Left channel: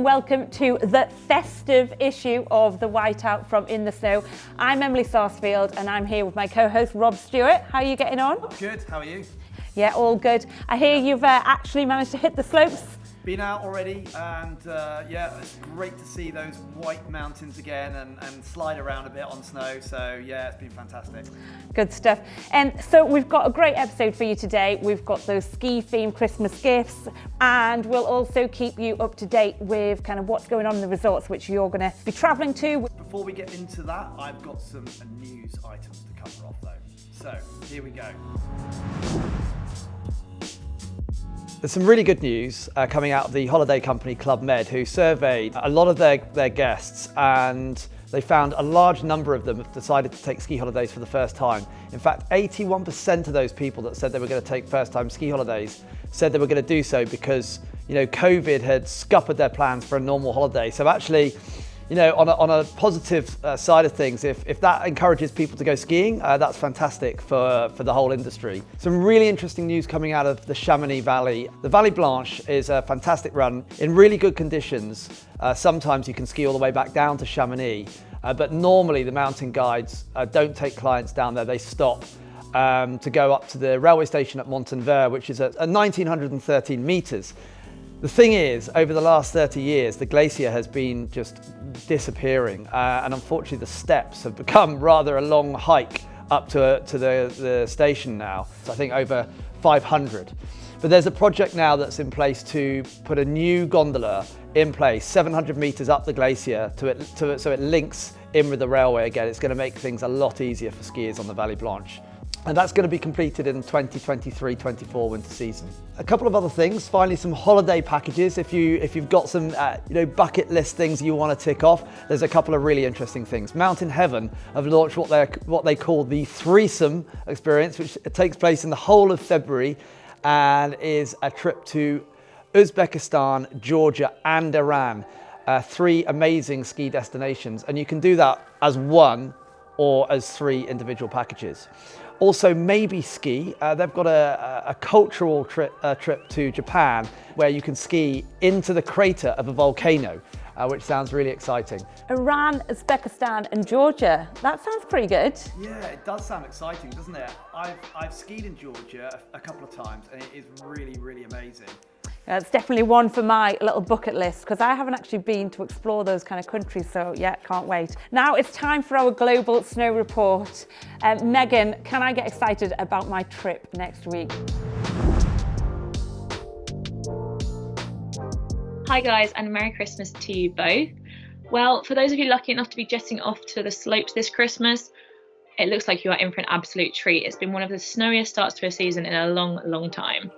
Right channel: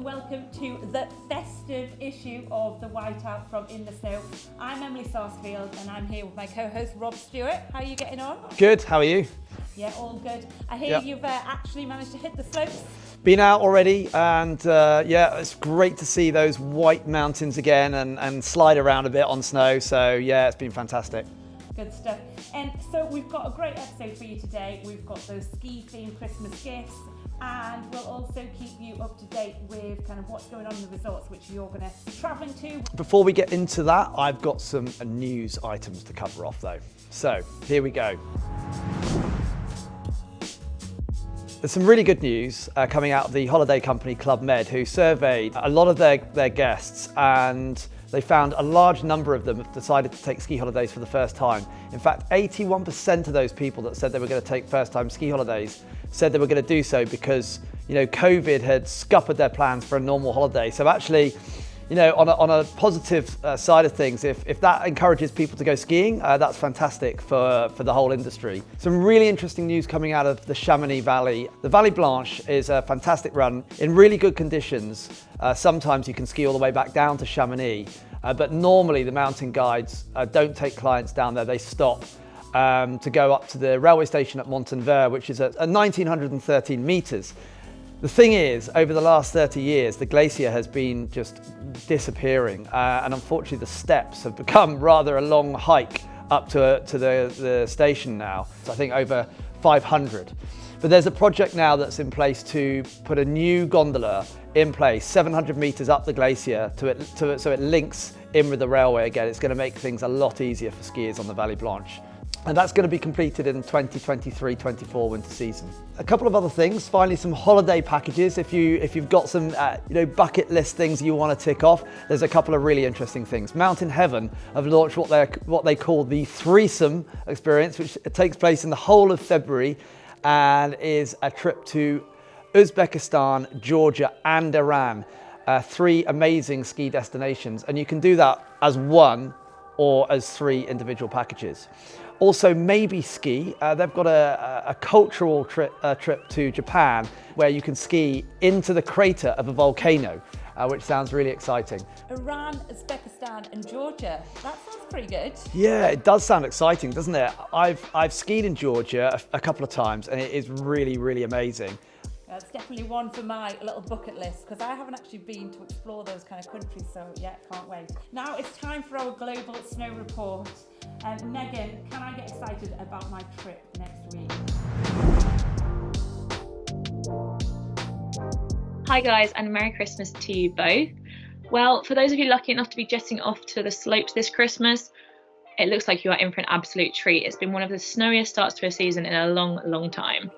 and welcome to the festive issue of the Whiteout from InTheSnow. I'm Emily Sarsfield and I'm here with my co-host Rob Stewart. How are you getting on? Good, how are you? Yeah, all good. I hear you've actually managed to hit the slopes. Been out already and yeah, it's great to see those white mountains again and slide around a bit on snow. So yeah, it's been fantastic. Good stuff. And so we've got a great episode for you today. We've got those ski-themed Christmas gifts, and we'll also keep you up to date with kind of what's going on in the resorts which you're going to be travelling to. Before we get into that, I've got some news items to cover off though. So here we go. There's some really good news coming out of the holiday company Club Med, who surveyed a lot of their guests, and they found a large number of them have decided to take ski holidays for the first time. In fact, 81% of those people that said they were going to take first-time ski holidays said they were going to do so because, you know, COVID had scuppered their plans for a normal holiday. So actually, you know, on a positive side of things, if that encourages people to go skiing, that's fantastic for the whole industry. Some really interesting news coming out of the Chamonix Valley. The Valley Blanche is a fantastic run in really good conditions. Sometimes you can ski all the way back down to Chamonix, but normally the mountain guides don't take clients down there. They stop to go up to the railway station at Montenec, which is at 1,913 meters. The thing is, over the last 30 years, the glacier has been just disappearing, and unfortunately the steps have become rather a long hike up to the station now. So I think over 500. But there's a project now that's in place to put a new gondola in place, 700 meters up the glacier so it links in with the railway again. It's going to make things a lot easier for skiers on the Valley Blanche. And that's going to be completed in 2023-24 winter season. A couple of other things, finally some holiday packages. If you've got some bucket list things you want to tick off, there's a couple of really interesting things. Mountain Heaven have launched what they call the Threesome Experience, which takes place in the whole of February and is a trip to Uzbekistan, Georgia and Iran. 3 amazing ski destinations, and you can do that as one or as 3 individual packages. Also, Maybe Ski, they've got a cultural trip to Japan where you can ski into the crater of a volcano, which sounds really exciting. Iran, Uzbekistan and Georgia. That sounds pretty good. Yeah, it does sound exciting, doesn't it? I've skied in Georgia a couple of times and it is really, really amazing. It's definitely one for my little bucket list because I haven't actually been to explore those kind of countries, so yeah, can't wait. Now it's time for our global snow report. Megan, can I get excited about my trip next week? Hi guys, and Merry Christmas to you both. Well, for those of you lucky enough to be jetting off to the slopes this Christmas, it looks like you are in for an absolute treat. It's been one of the snowiest starts to a season in a long, long time.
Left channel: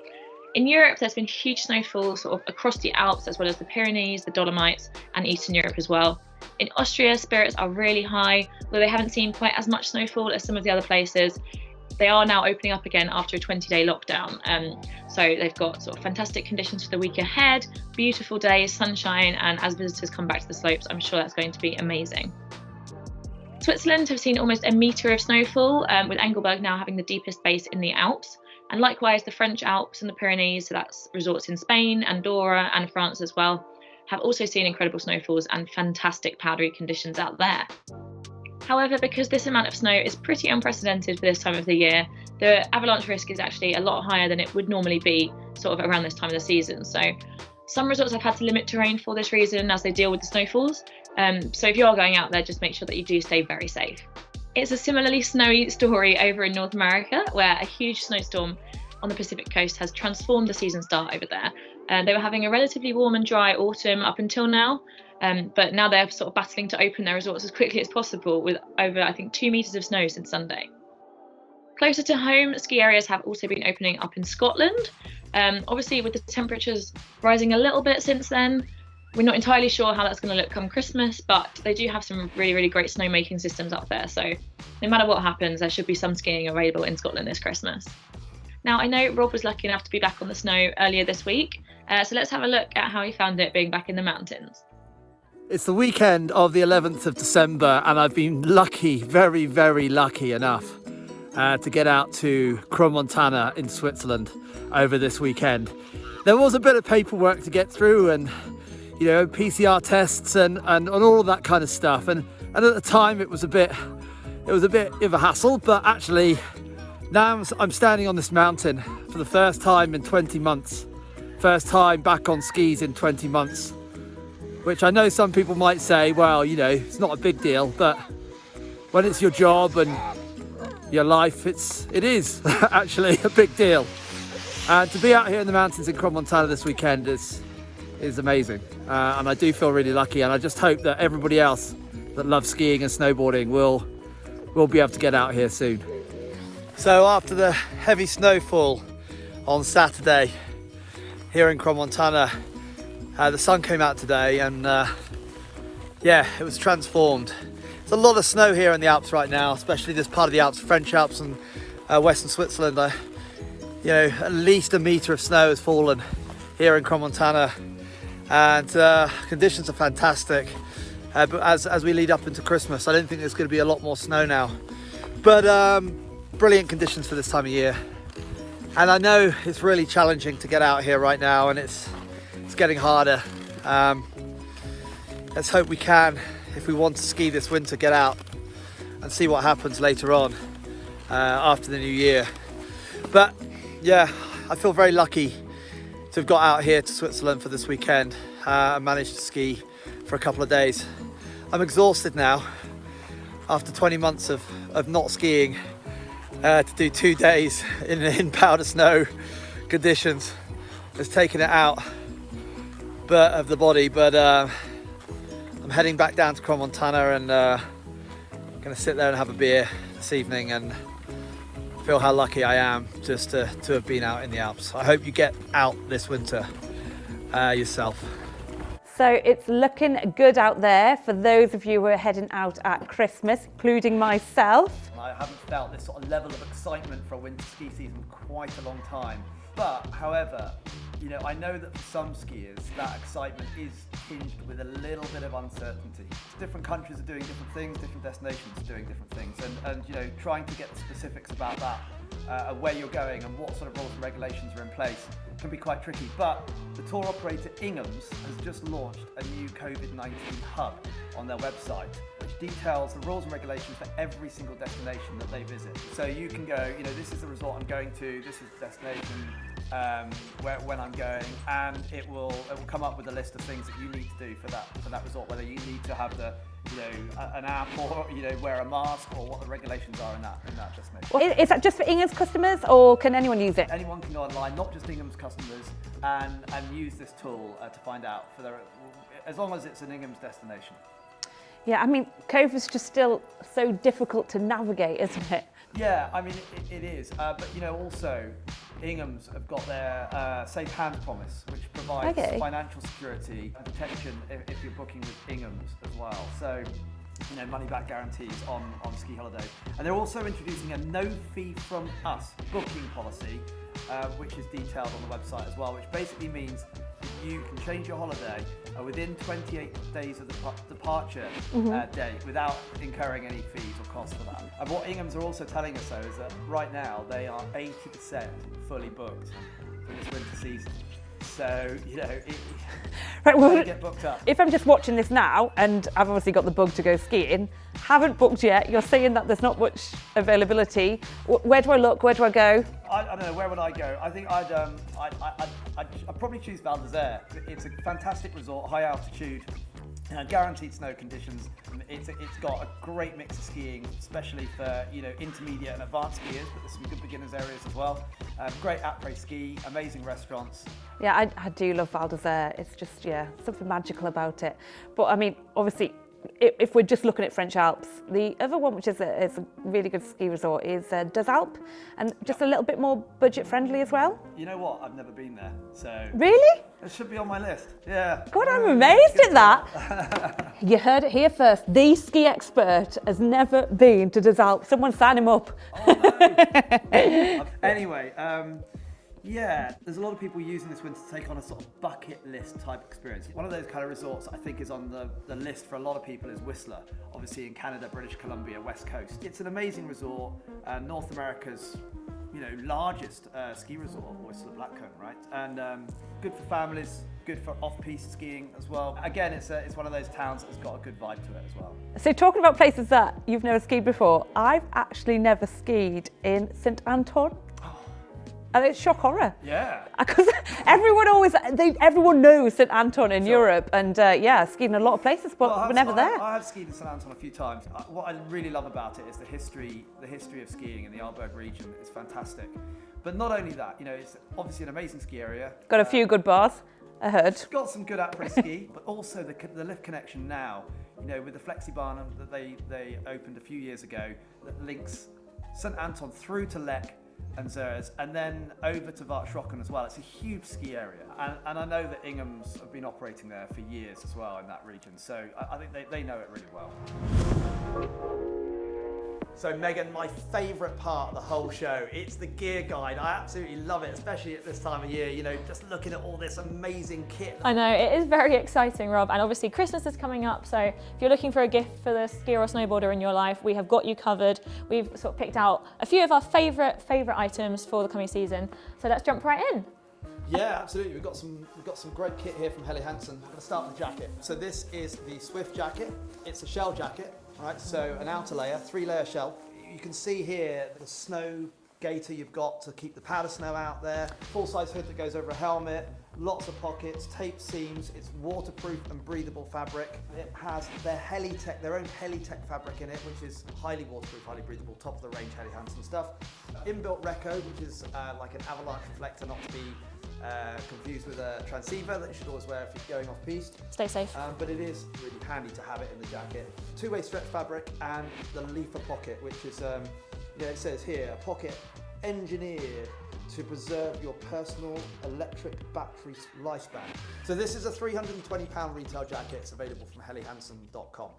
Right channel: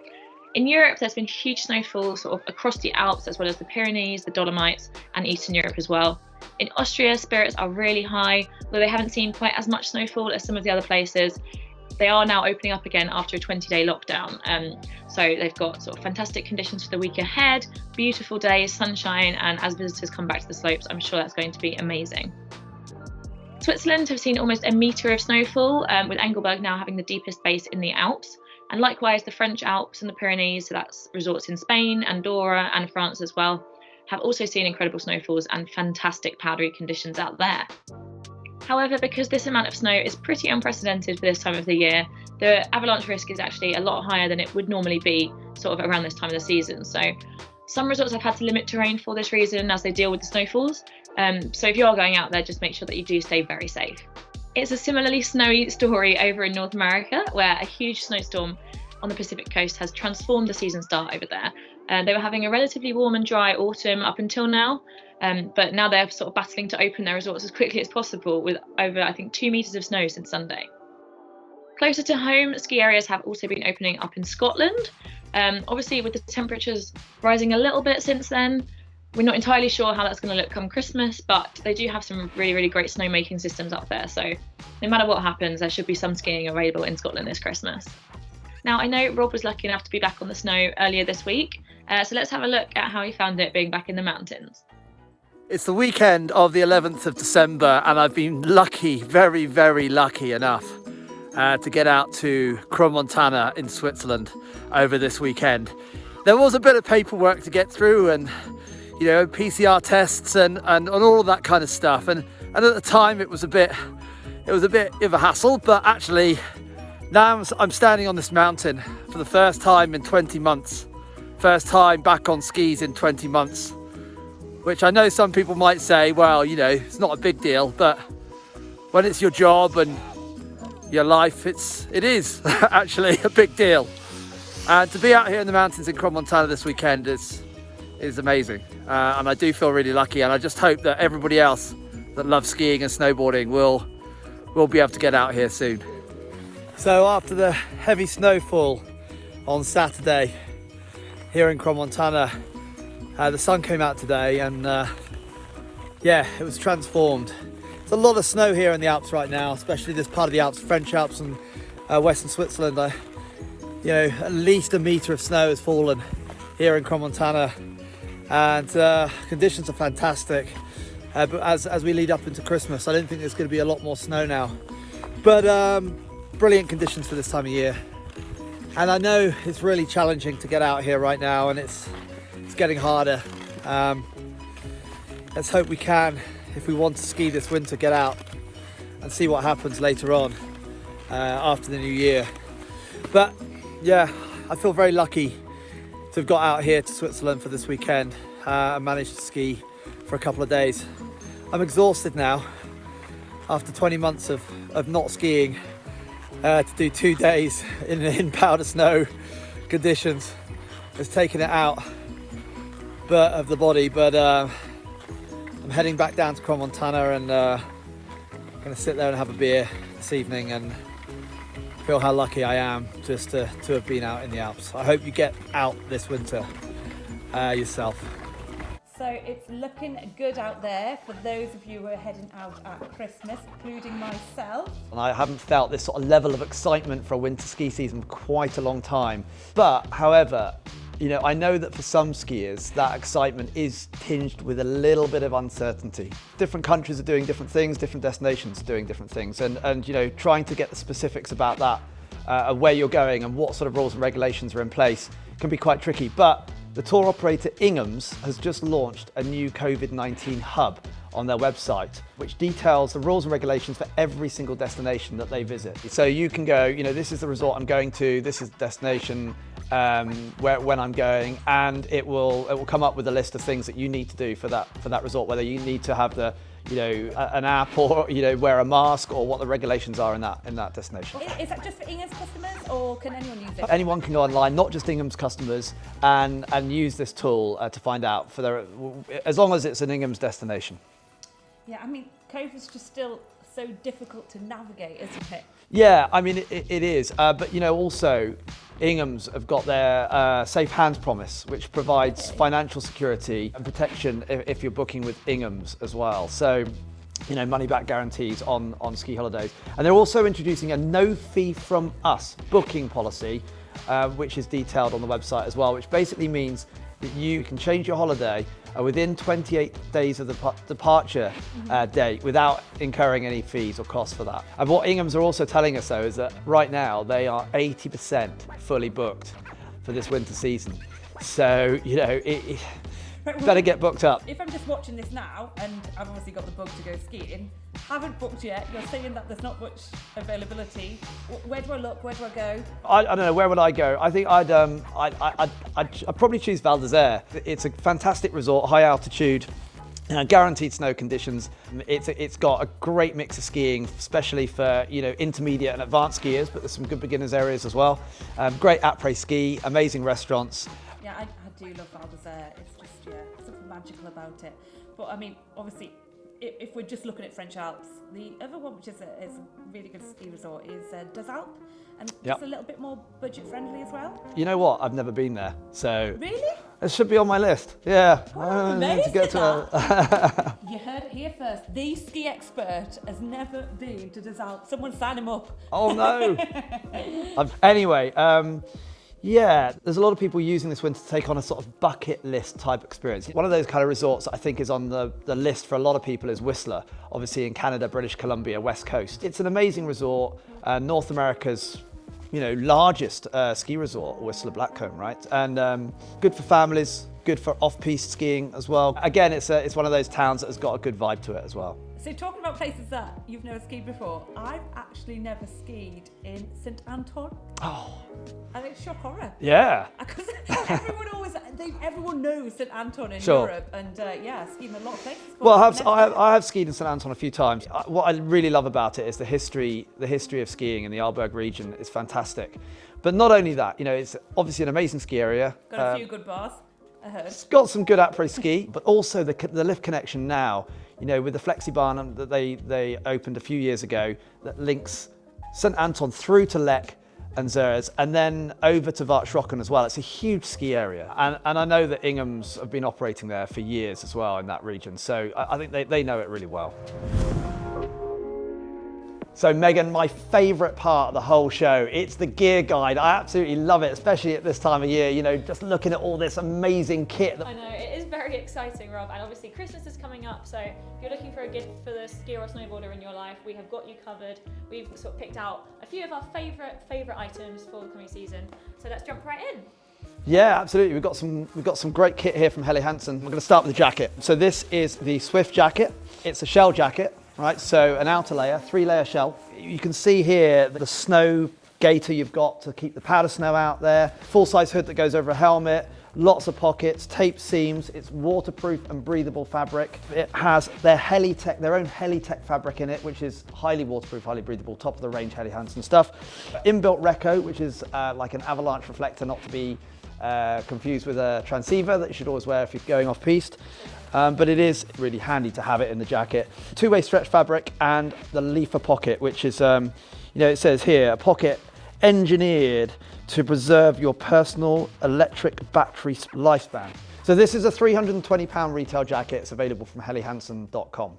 In Europe, there's been huge snowfall sort of across the Alps, as well as the Pyrenees, the Dolomites, and Eastern Europe as well. In Austria, spirits are really high, though they haven't seen quite as much snowfall as some of the other places. They are now opening up again after a 20-day lockdown. So they've got sort of fantastic conditions for the week ahead, beautiful days, sunshine, and as visitors come back to the slopes, I'm sure that's going to be amazing. Switzerland have seen almost a metre of snowfall, with Engelberg now having the deepest base in the Alps. And likewise, the French Alps and the Pyrenees, so that's resorts in Spain, Andorra and France as well, have also seen incredible snowfalls and fantastic powdery conditions out there. However, because this amount of snow is pretty unprecedented for this time of the year, the avalanche risk is actually a lot higher than it would normally be sort of around this time of the season. So some resorts have had to limit terrain for this reason as they deal with the snowfalls. So if you are going out there, just make sure that you do stay very safe. It's a similarly snowy story over in North America, where a huge snowstorm on the Pacific coast has transformed the season start over there. They were having a relatively warm and dry autumn up until now, but now they're sort of battling to open their resorts as quickly as possible with over, I think, 2 meters of snow since Sunday. Closer to home, ski areas have also been opening up in Scotland. Obviously, with the temperatures rising a little bit since then, we're not entirely sure how that's going to look come Christmas, but they do have some really, really great snowmaking systems up there. So no matter what happens, there should be some skiing available in Scotland this Christmas. Now, I know Rob was lucky enough to be back on the snow earlier this week, so let's have a look at how he found it being back in the mountains. It's the weekend of the 11th of December and I've been lucky, very, very lucky enough to get out to Crans-Montana in Switzerland over this weekend. There was a bit of paperwork to get through and you know, PCR tests and all of that kind of stuff. And at the time it was a bit of a hassle, but actually now I'm standing on this mountain for the first time in 20 months. First time back on skis in 20 months, which I know some people might say, well, you know, it's not a big deal, but when it's your job and your life, it is actually a big deal. And to be out here in the mountains in Montana this weekend is amazing. And I do feel really lucky, and I just hope that everybody else that loves skiing and snowboarding will be able to get out here soon. So after the heavy snowfall on Saturday here in Montana, the sun came out today, and yeah, it was transformed. There's a lot of snow here in the Alps right now, especially this part of the Alps, French Alps and Western Switzerland. You know, at least a metre of snow has fallen here in Montana, and conditions are fantastic. But as we lead up into Christmas, I don't think there's going to be a lot more snow now. But brilliant conditions for this time of year. And I know it's really challenging to get out here right now, and it's getting harder. Let's hope we can, if we want to ski this winter, get out and see what happens later on after the new year. But yeah, I feel very lucky to have got out here to Switzerland for this weekend and managed to ski for a couple of days. I'm exhausted now after 20 months of not skiing. To do 2 days in powder snow conditions has taken it out of the body, but I'm heading back down to Montana, and going to sit there and have a beer this evening and feel how lucky I am just to have been out in the Alps. I hope you get out this winter yourself. So it's looking good out there for those of you who are heading out at Christmas, including myself. And I haven't felt this sort of level of excitement for a winter ski season for quite a long time. But however, you know, I know that for some skiers, that excitement is tinged with a little bit of uncertainty. Different countries are doing different things, different destinations are doing different things. And you know, trying to get the specifics about that, where you're going and what sort of rules and regulations are in place can be quite tricky. But the tour operator Inghams has just launched a new COVID-19 hub on their website, which details the rules and regulations for every single destination that they visit. So you can go, you know, this is the resort I'm going to, this is the destination when I'm going, and it will come up with a list of things that you need to do for that resort, whether you need to have the, you know, an app, or, you know, wear a mask, or what the regulations are in that destination. Is that just for Inghams customers, or can anyone use it? Anyone can go online, not just Inghams customers, and use this tool to find out as long as it's an Inghams destination. Yeah, I mean, COVID's just still so difficult to navigate, isn't it? Yeah, I mean, it is. But, you know, also, Inghams have got their Safe Hands promise, which provides financial security and protection if you're booking with Inghams as well. So, you know, money back guarantees on ski holidays. And they're also introducing a no fee from us booking policy, which is detailed on the website as well, which basically means that you can change your holiday within 28 days of the departure date without incurring any fees or costs for that. And what Inghams are also telling us, though, is that right now they are 80% fully booked for this winter season. So, you know, Right, well, better get booked up. If I'm just watching this now, and I've obviously got the bug to go skiing, haven't booked yet, you're saying that there's not much availability. Where do I look? Where do I go? I don't know, where would I go? I think I'd probably choose Val d'Isère. It's a fantastic resort, high altitude, guaranteed snow conditions. It's got a great mix of skiing, especially for, you know, intermediate and advanced skiers, but there's some good beginners areas as well. Great après ski, amazing restaurants. Yeah, I do love Val d'Isère. It's just, yeah, something magical about it. But I mean, obviously, if we're just looking at French Alps, the other one, which is a really good ski resort, is Deux Alpes, and just a little bit more budget friendly as well. You know what? I've never been there, so really, it should be on my list. Yeah. God, I'm amazed at that. You heard it here first. The ski expert has never been to Deux Alpes. Someone sign him up. Oh no. Anyway. Yeah, there's a lot of people using this winter to take on a sort of bucket list type experience. One of those kind of resorts that I think is on the list for a lot of people is Whistler, obviously in Canada, British Columbia, West Coast. It's an amazing resort, North America's largest ski resort, Whistler Blackcomb, right? And good for families, good for off-piste skiing as well. Again, it's one of those towns that has got a good vibe to it as well. So talking about places that you've never skied before, I've actually never skied in St Anton. Oh. And it's shock horror. Yeah. Because everyone knows St Anton in Sure. Europe, and skied in a lot of places, but Well, we're never there. I have skied in St Anton a few times. What I really love about it is the history of skiing in the Arlberg region is fantastic. But not only that, it's obviously an amazing ski area. Got a few good bars, I heard. It's got some good après-ski, but also the lift connection now, with the Flexibahn that they opened a few years ago that links St Anton through to Lech and Zers, and then over to Vartsrocken as well. It's a huge ski area, and I know that Inghams have been operating there for years as well in that region, so I think they know it really well. So Megan, my favourite part of the whole show, it's the gear guide. I absolutely love it, especially at this time of year, just looking at all this amazing kit. I know, it is very exciting, Rob, and obviously Christmas is coming up, so if you're looking for a gift for the skier or snowboarder in your life, we have got you covered. We've sort of picked out a few of our favourite items for the coming season, so let's jump right in. Yeah, absolutely. We've got some great kit here from Helly Hansen. We're going to start with the jacket. So this is the Swift jacket. It's a shell jacket. Right, so an outer layer, 3-layer shell. You can see here the snow gaiter you've got to keep the powder snow out there. Full-size hood that goes over a helmet, lots of pockets, taped seams. It's waterproof and breathable fabric. It has their own Helitech fabric in it, which is highly waterproof, highly breathable, top of the range Helly Hansen stuff. Inbuilt Reco, which is like an avalanche reflector, not to be confused with a transceiver that you should always wear if you're going off-piste. Stay safe. But it is really handy to have it in the jacket. Two-way stretch fabric and the leafer pocket, which is, it says here, a pocket engineered to preserve your personal electric battery lifespan. So this is a £320 retail jacket. It's available from hellyhansen.com.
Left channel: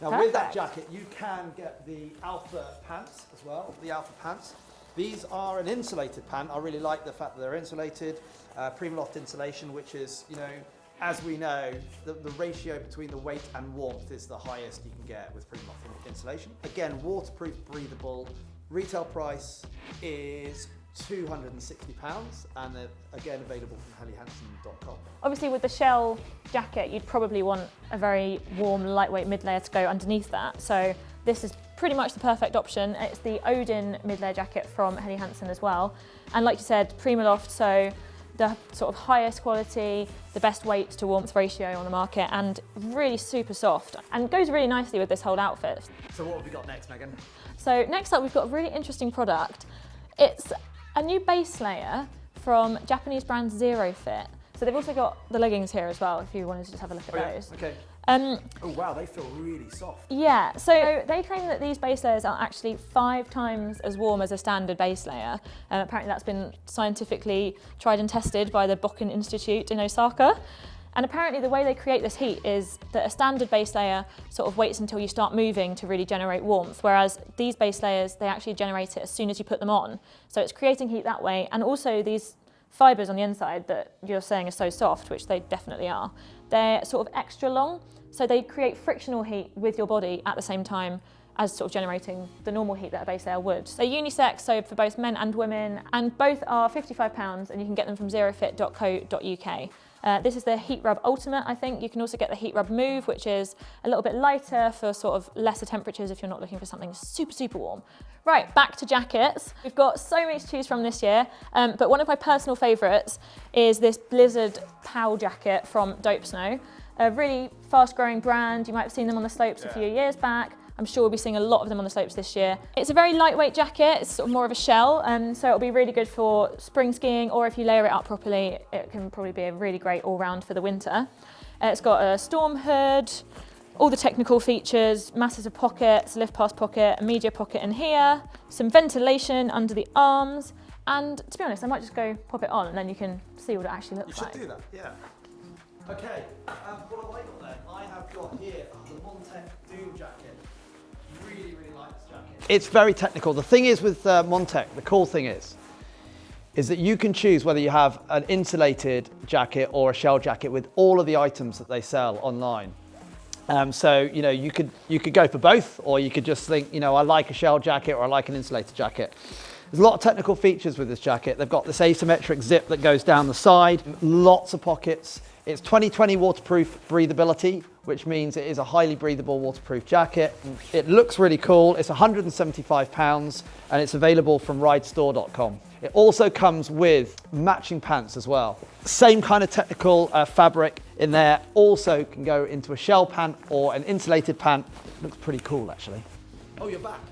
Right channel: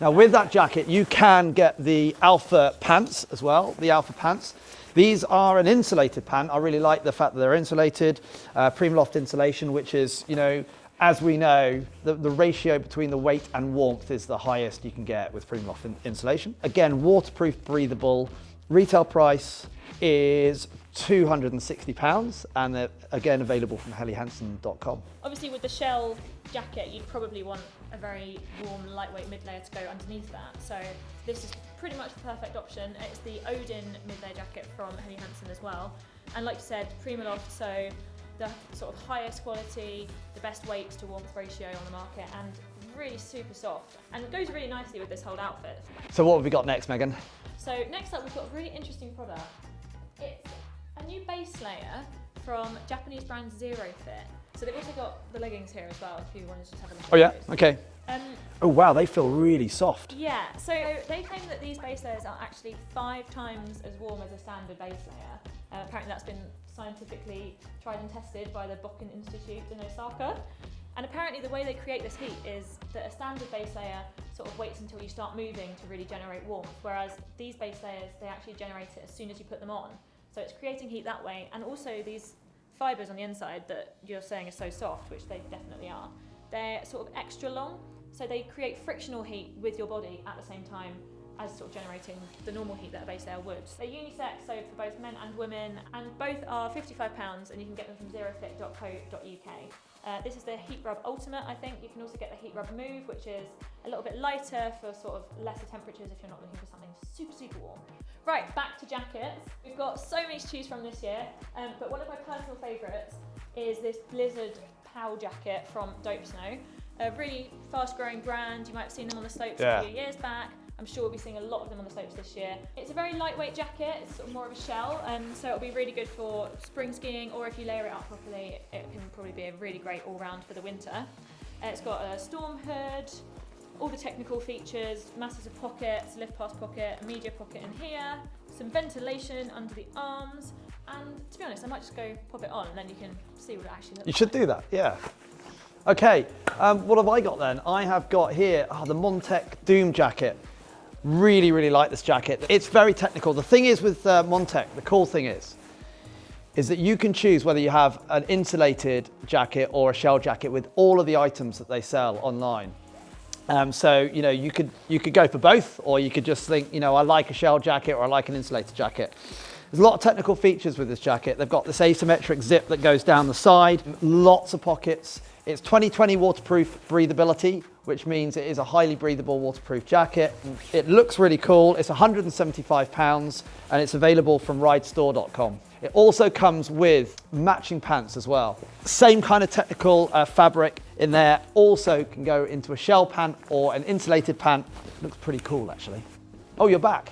Now with that jacket, you can get the Alpha pants as well, the Alpha pants. These are an insulated pant. I really like the fact that they're insulated, Primaloft insulation, which is, as we know, the ratio between the weight and warmth is the highest you can get with Primaloft insulation. Again, waterproof, breathable. Retail price is £260, and they're again available from hellyhansen.com. Obviously with the shell jacket, you'd probably want a very warm, lightweight mid-layer to go underneath that. So this is pretty much the perfect option. It's the Odin mid-layer jacket from Helly Hansen as well. And like you said, Primaloft, so the sort of highest quality, the best weight to warmth ratio on the market, and really super soft, and goes really nicely with this whole outfit. So what have we got next, Megan? So next up, we've got a really interesting product. It's a new base layer from Japanese brand Zero Fit. So they've also got the leggings here as well, if you wanted to just have a look at those. Okay. Oh wow, they feel really soft. Yeah, so they claim that these base layers are actually 5 times as warm as a standard base layer. Apparently that's been scientifically tried and tested by the Bokken Institute in Osaka. And apparently the way they create this heat is that a standard base layer sort of waits until you start moving to really generate warmth, whereas these base layers, they actually generate it as soon as you put them on. So it's creating heat that way, and also these fibres on the inside that you're saying are so soft, which they definitely are, they're sort of extra long, so they create frictional heat with your body at the same time as sort of generating the normal heat that a base layer would. They're unisex, so for both men and women, and both are £55, and you can get them from zerofit.co.uk. This is the Heat Rub Ultimate, I think. You can also get the Heat Rub Move, which is a little bit lighter for sort of lesser temperatures if you're not looking for something super, super warm. Right, back to jackets. We've got so many to choose from this year, but one of my personal favourites is this Blizzard POW jacket from InTheSnow. A really fast-growing brand. You might have seen them on the slopes a few years back. I'm sure we'll be seeing a lot of them on the slopes this year. It's a very lightweight jacket, it's sort of more of a shell, so it'll be really good for spring skiing, or if you layer it up properly, it can probably be a really great all-round for the winter. It's got a storm hood, all the technical features, massive pockets, lift pass pocket, a media pocket in here, some ventilation under the arms, and to be honest, I might just go pop it on and then you can see what it actually looks like. You should do that, yeah. Okay, what have I got then? I have got here the Montec Doom jacket. Really, really like this jacket. It's very technical. The thing is with Montec, the cool thing is that you can choose whether you have an insulated jacket or a shell jacket with all of the items that they sell online. So, you could go for both, or you could just think, I like a shell jacket or I like an insulated jacket. There's a lot of technical features with this jacket. They've got this asymmetric zip that goes down the side, lots of pockets. It's 2020 waterproof breathability, which means it is a highly breathable waterproof jacket. It looks really cool. It's £175 and it's available from ridestore.com. It also comes with matching pants as well. Same kind of technical fabric in there. Also can go into a shell pant or an insulated pant. Looks pretty cool actually. Oh, you're back.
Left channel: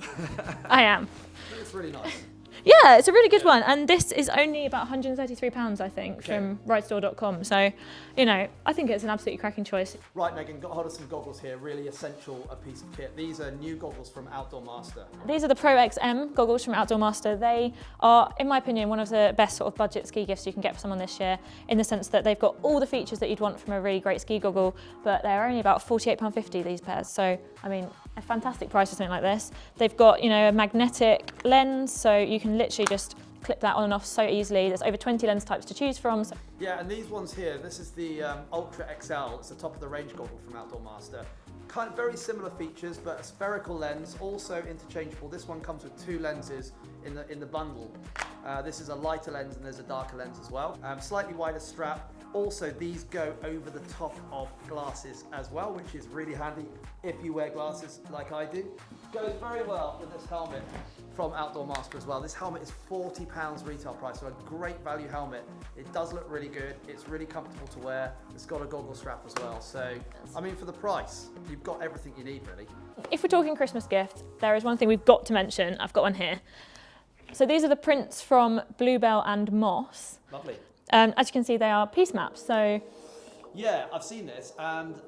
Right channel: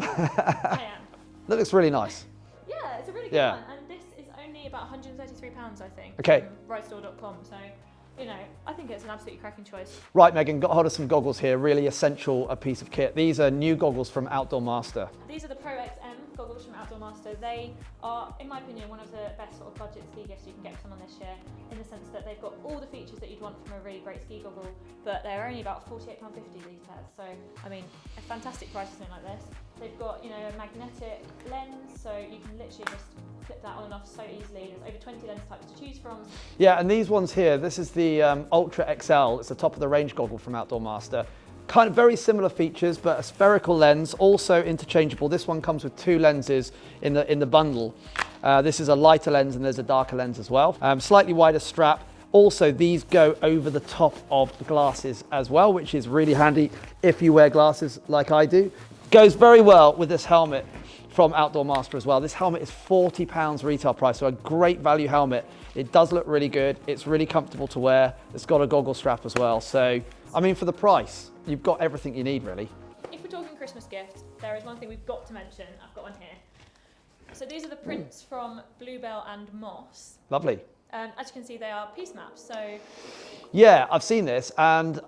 I am. That looks really nice. Yeah, it's a really good Yeah. one. And this is only about £133, I think, Okay. from ridestore.com. So, you know, I think it's an absolutely cracking choice. Right, Megan, got hold of some goggles here. Really essential a piece of kit. These are new goggles from Outdoor Master. These are the Pro XM goggles from Outdoor Master. They are, in my opinion, one of the best sort of budget ski gifts you can get for someone this year, in the sense that they've got all the features that you'd want from a really great ski goggle, but they're only about £48.50, these pairs. So, I mean, a fantastic price for something like this. They've got, you know, a magnetic lens, so you can literally just clip that on and off so easily. There's over 20 lens types to choose from. Yeah, and these ones here, this is the Ultra XL. It's the top of the range goggle from Outdoor Master. Kind of very similar features, but a spherical lens, also interchangeable. This one comes with two lenses in the bundle. This is a lighter lens and there's a darker lens as well. Slightly wider strap. Also, these go over the top of the glasses as well, which is really handy if you wear glasses like I do. Goes very well with this helmet from Outdoor Master as well. This helmet is £40 retail price, so a great value helmet. It does look really good. It's really comfortable to wear. It's got a goggle strap as well. So, I mean, for the price, you've got everything you need, really. If we're talking Christmas gift, there is one thing we've got to mention. I've got one here. So these are the prints from Bluebell and Moss. Lovely. As you can see, they are piece maps. So Yeah, I've seen this and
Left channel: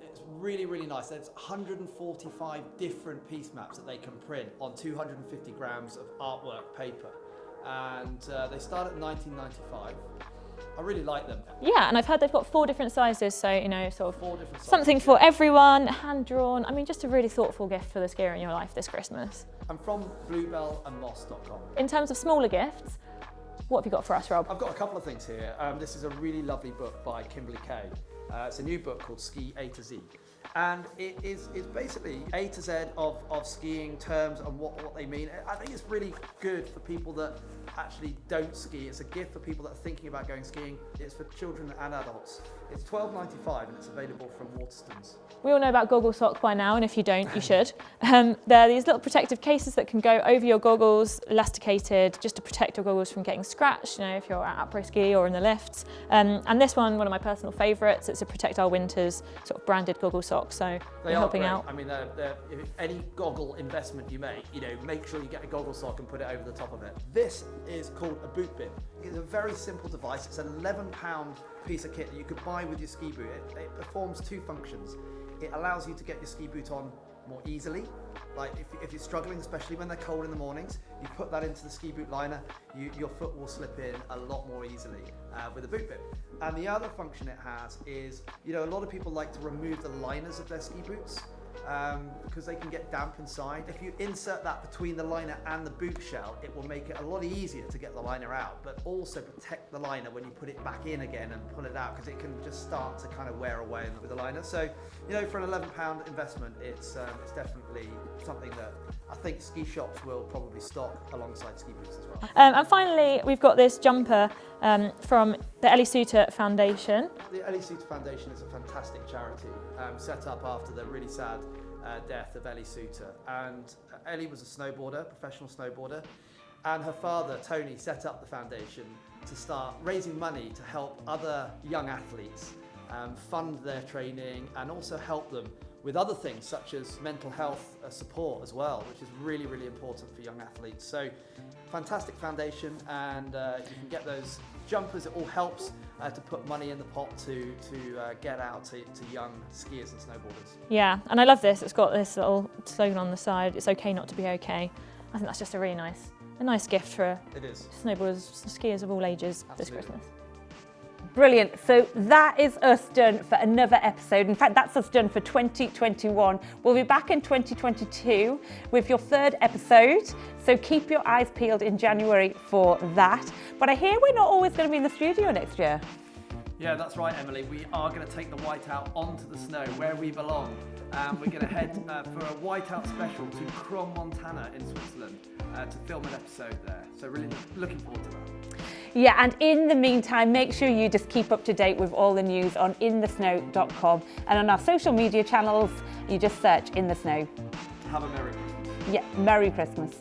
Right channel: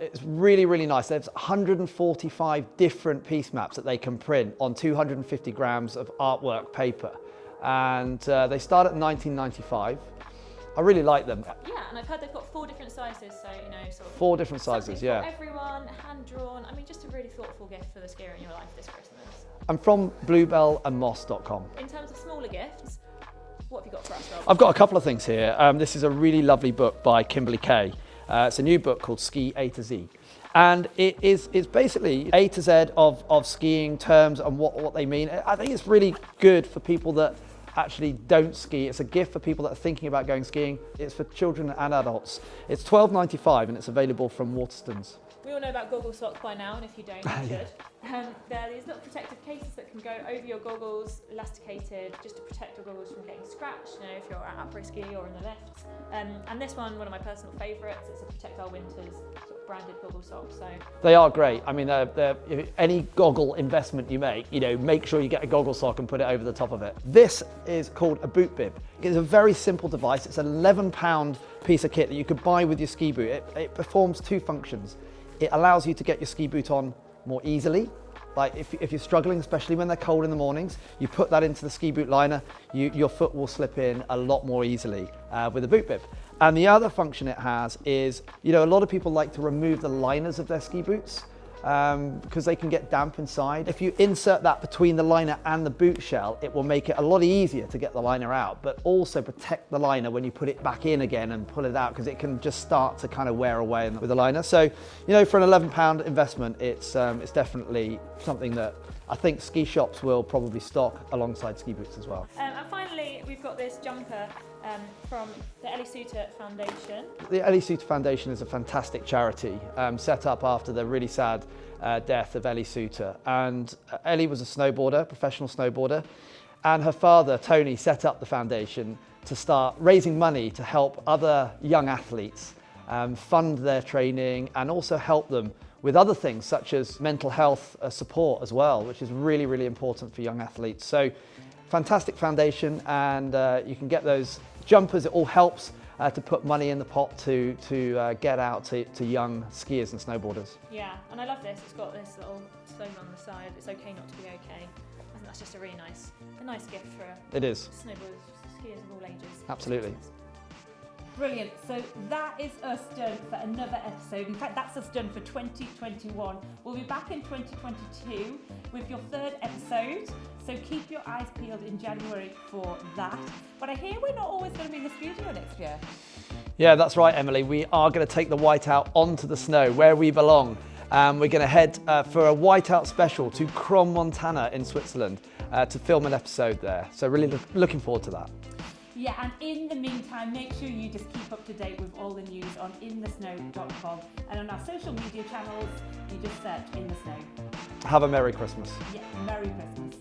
it's really, really nice. There's 145 different piece maps that they can print on 250 grams of artwork paper. And they start at £19.95. I really like them. yeah, and I've heard they've got 4 different sizes. So, you know, sort of 4 different sizes. something for everyone, hand drawn. I mean, just a really thoughtful gift for the skier in your life this Christmas. I'm from bluebellandmoss.com. In terms of smaller gifts, what have you got for us, Rob? I've got a couple of things here. This is a really lovely book by Kimberly Kay. It's a new book called Ski A to Z. And it's basically A to Z of skiing terms and what they mean. I think it's really good for people that actually don't ski. It's a gift for people that are thinking about going skiing. It's for children and adults. It's £12.95 and it's available from Waterstones. We all know about Goggle Socks by now, and if you don't, you should. They're these little protective cases that can go over your goggles, elasticated, just to protect your goggles from getting scratched, you know, if you're at après ski or in the lifts. And this one of my personal favourites, it's a Protect Our Winters sort of branded Goggle Sock. So they are helping great. out. I mean, any goggle investment you make, you know, make sure you get a goggle sock and put it over the top of it. This is called a boot bib. It's a very simple device. It's an £11 piece of kit that you could buy with your ski boot. It performs 2 functions. It allows you to get your ski boot on more easily. Like if you're struggling, especially when they're cold in the mornings, you put that into the ski boot liner, your foot will slip in a lot more easily with a boot bib. And the other function it has is, you know, a lot of people like to remove the liners of their ski boots because they can get damp inside. If you insert that between the liner and the boot shell, it will make it a lot easier to get the liner out, but also protect the liner when you put it back in again and pull it out, because it can just start to kind of wear away with the liner. So, you know, for an £11 investment, it's definitely something that I think ski shops will probably stock alongside ski boots as well. And finally, we've got this jumper from the Ellie Suter Foundation. The Ellie Suter Foundation is a fantastic charity set up after the really sad death of Ellie Suter. And Ellie was a snowboarder, professional snowboarder, and her father, Tony, set up the foundation to start raising money to help other young athletes fund their training and also help them with other things such as mental health support as well, which is really, really important for young athletes. So fantastic foundation, and you can get those jumpers. It all helps to put money in the pot to get out to young skiers and snowboarders. Yeah, and I love this. It's got this little slogan on the side. It's okay not to be okay. I think that's just a really nice gift for It is. snowboarders, skiers of all ages. Absolutely. This Christmas. Brilliant. So that is us done for another episode. In fact, that's us done for 2021. We'll be back in 2022 with your 3rd episode. So keep your eyes peeled in January for that. But I hear we're not always going to be in the studio next year. Yeah, that's right, Emily. We are going to take the whiteout onto the snow where we belong. We're going to head for a whiteout special to Crom, Montana in Switzerland. to film an episode there. So really looking forward to that. Yeah, and in the meantime, make sure you just keep up to date with all the news on InTheSnow.com, and on our social media channels, you just search In The Snow. Have a Merry Christmas. Yeah, Merry Christmas.